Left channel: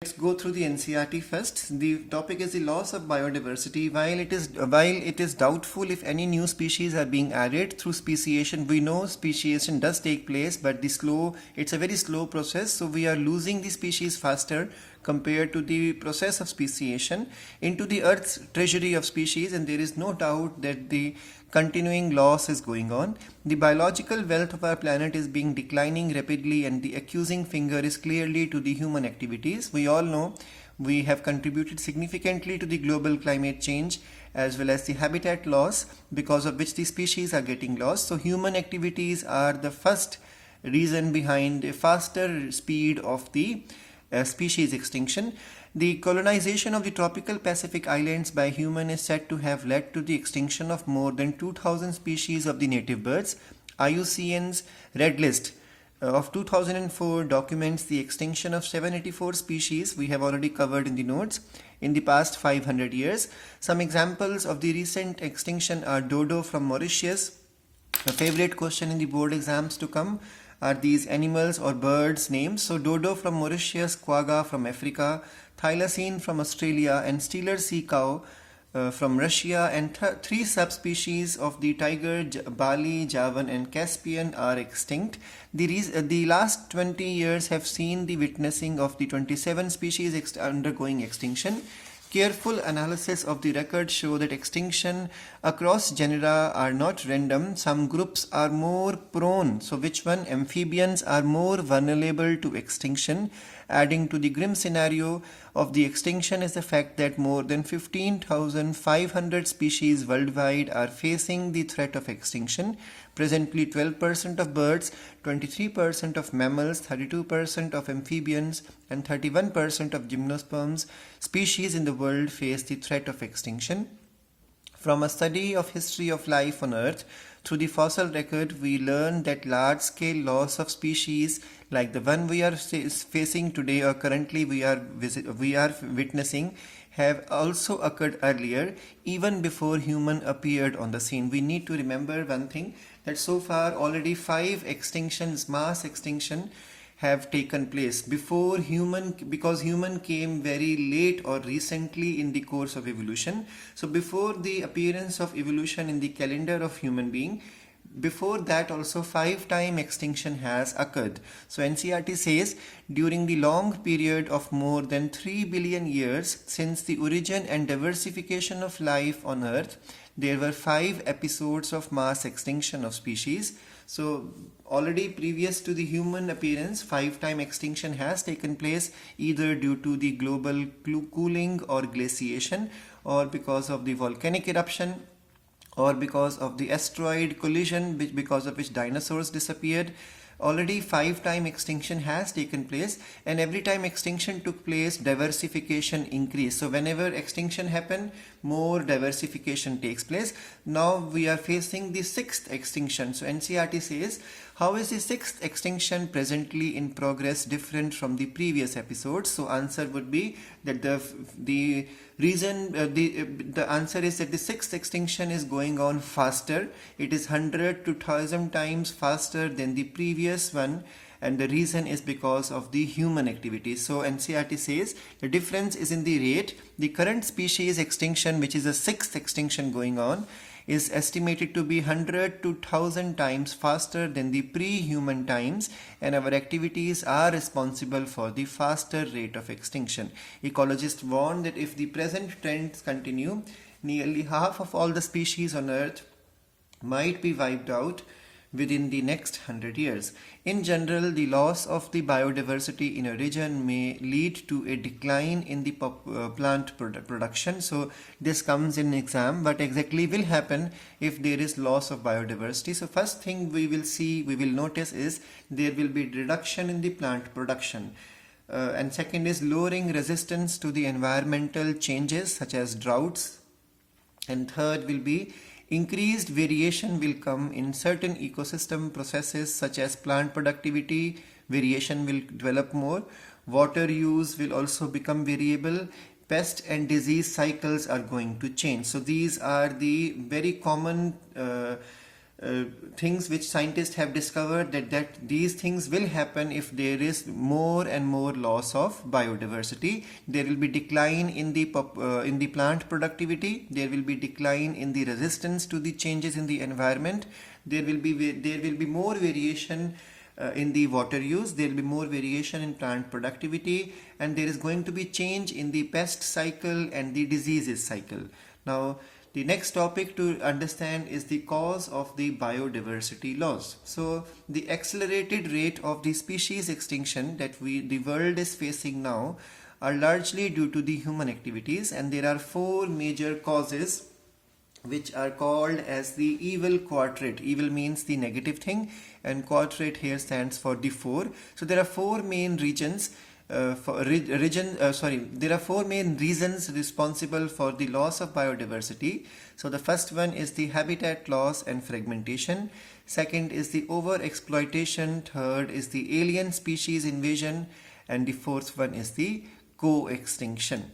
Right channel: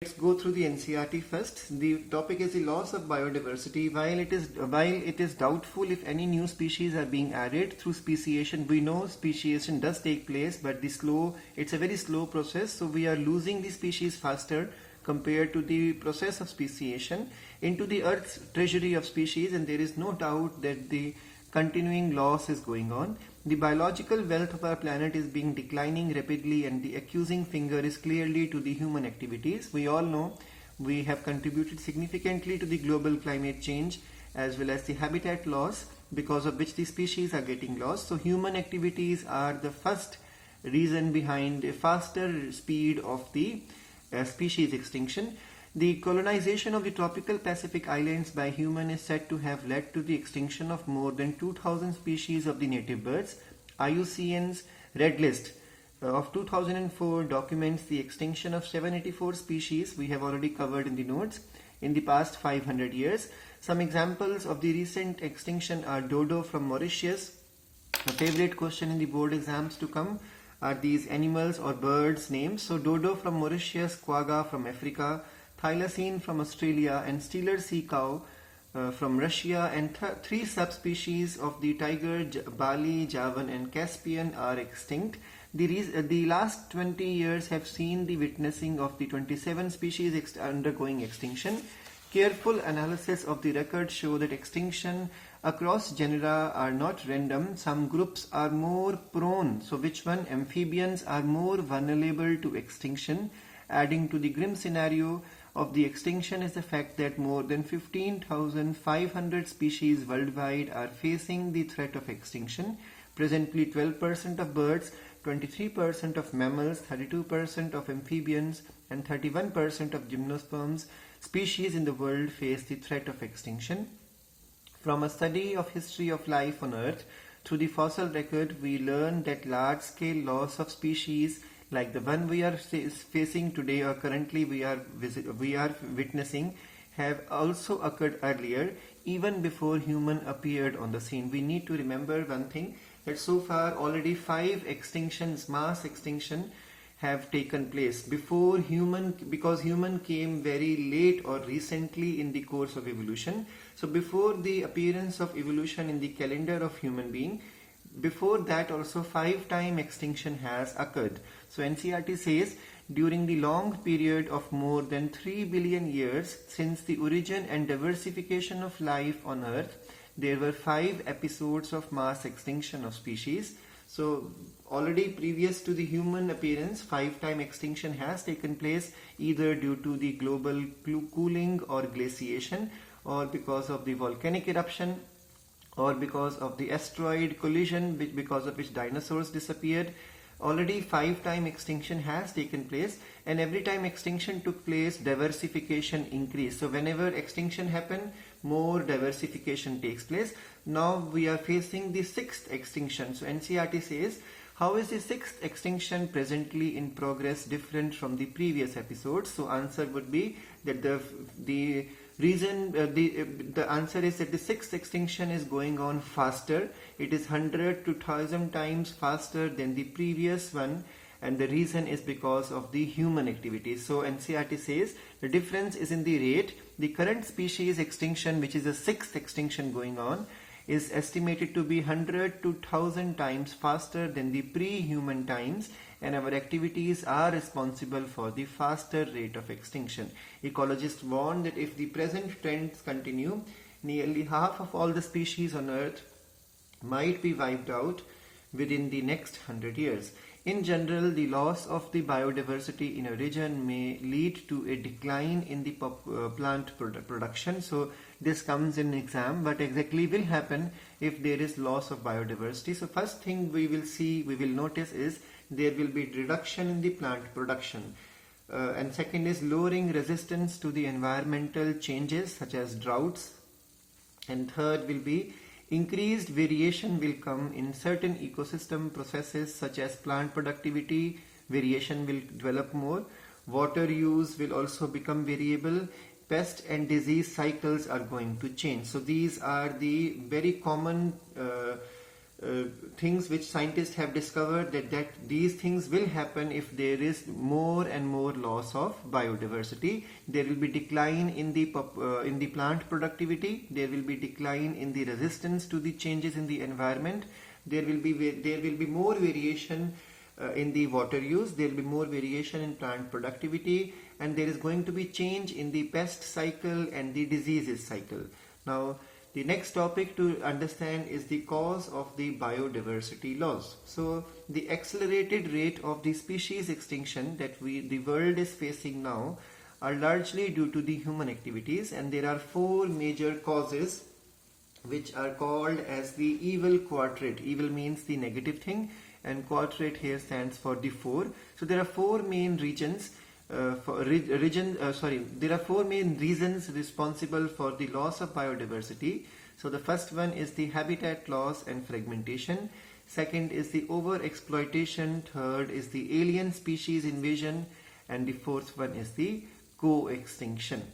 Let's go through the NCERT first. The topic is the loss of biodiversity. While it is doubtful if any new species are being added through speciation, we know speciation does take place, but it's a very slow process. So we are losing the species faster compared to the process of speciation into the Earth's treasury of species, and there is no doubt that the continuing loss is going on. The biological wealth of our planet is being declining rapidly, and the accusing finger is clearly to the human activities. We all know we have contributed significantly to the global climate change as well as the habitat loss, because of which the species are getting lost. So human activities are the first reason behind a faster speed of the species extinction. The colonization of the tropical Pacific islands by humans is said to have led to the extinction of more than 2,000 species of the native birds. IUCN's Red List of 2004 documents the extinction of 784 species we have already covered in the notes in the past 500 years. Some examples of the recent extinction are dodo from Mauritius. A favorite question in the board exams to come are these animals or birds names. So dodo from Mauritius, quagga from Africa, thylacine from Australia, and Steller sea cow from Russia, and three subspecies of the tiger, Bali, Javan and Caspian are extinct. The last 20 years have seen the witnessing of the 27 species undergoing extinction. Careful analysis of the record show that extinction across genera are not random. Some groups are more prone. So which one? Amphibians are more vulnerable to extinction. Adding to the grim scenario of the extinction is the fact that more than 15,500 species worldwide are facing the threat of extinction. Presently, 12% of birds, 23% of mammals, 32% of amphibians, and 31% of gymnosperms species in the world face the threat of extinction. From a study of history of life on Earth through the fossil record, we learn that large-scale loss of species like the one we are facing today or currently we are witnessing have also occurred earlier, even before human appeared on the scene. We need to remember one thing, that so far already 5 extinctions, mass extinction, have taken place before human, because human came very late or recently in the course of evolution. So before the appearance of evolution in the calendar of human being, before that also 5-time extinction has occurred. So NCERT says during the long period of more than 3 billion years since the origin and diversification of life on Earth, there were 5 episodes of mass extinction of species. So already previous to the human appearance, 5-time extinction has taken place, either due to the global cooling or glaciation, or because of the volcanic eruption, or because of the asteroid collision, because of which dinosaurs disappeared. Already 5-time extinction has taken place, and every time extinction took place, diversification increased. So whenever extinction happened, more diversification takes place. Now we are facing the 6th extinction. So NCERT says, how is the 6th extinction presently in progress different from the previous episodes? So answer would be that the answer is that the 6th extinction is going on faster. It is 100 to 1000 times faster than the previous one, and the reason is because of the human activities. So NCERT says the difference is in the rate. The current species extinction, which is the 6th extinction going on, is estimated to be 100 to 1000 times faster than the pre-human times, and our activities are responsible for the faster rate of extinction. Ecologists warn that if the present trends continue, nearly half of all the species on Earth might be wiped out within the next 100 years. In general, the loss of the biodiversity in a region may lead to a decline in the plant production. So this comes in exam, what exactly will happen if there is loss of biodiversity? So first thing we will notice is there will be reduction in the plant production. And second is lowering resistance to the environmental changes such as droughts. And third will be increased variation will come in certain ecosystem processes such as plant productivity. Variation will develop more. Water use will also become variable. Pest and disease cycles are going to change. So these are the very common things which scientists have discovered that these things will happen if there is more and more loss of biodiversity. There will be decline in the plant productivity. There will be decline in the resistance to the changes in the environment. There will be more variation in the water use. There will be more variation in plant productivity, and there is going to be change in the pest cycle and the diseases cycle. Now, the next topic to understand is the cause of the biodiversity loss. So, the accelerated rate of the species extinction that the world is facing now are largely due to the human activities, and there are four major causes which are called as the evil quadrate. Evil means the negative thing, and quadrate here stands for the four. So there are four main regions. There are four main reasons responsible for the loss of biodiversity. So the first one is the habitat loss and fragmentation. Second is the overexploitation. Third is the alien species invasion, and the fourth one is the co-extinction.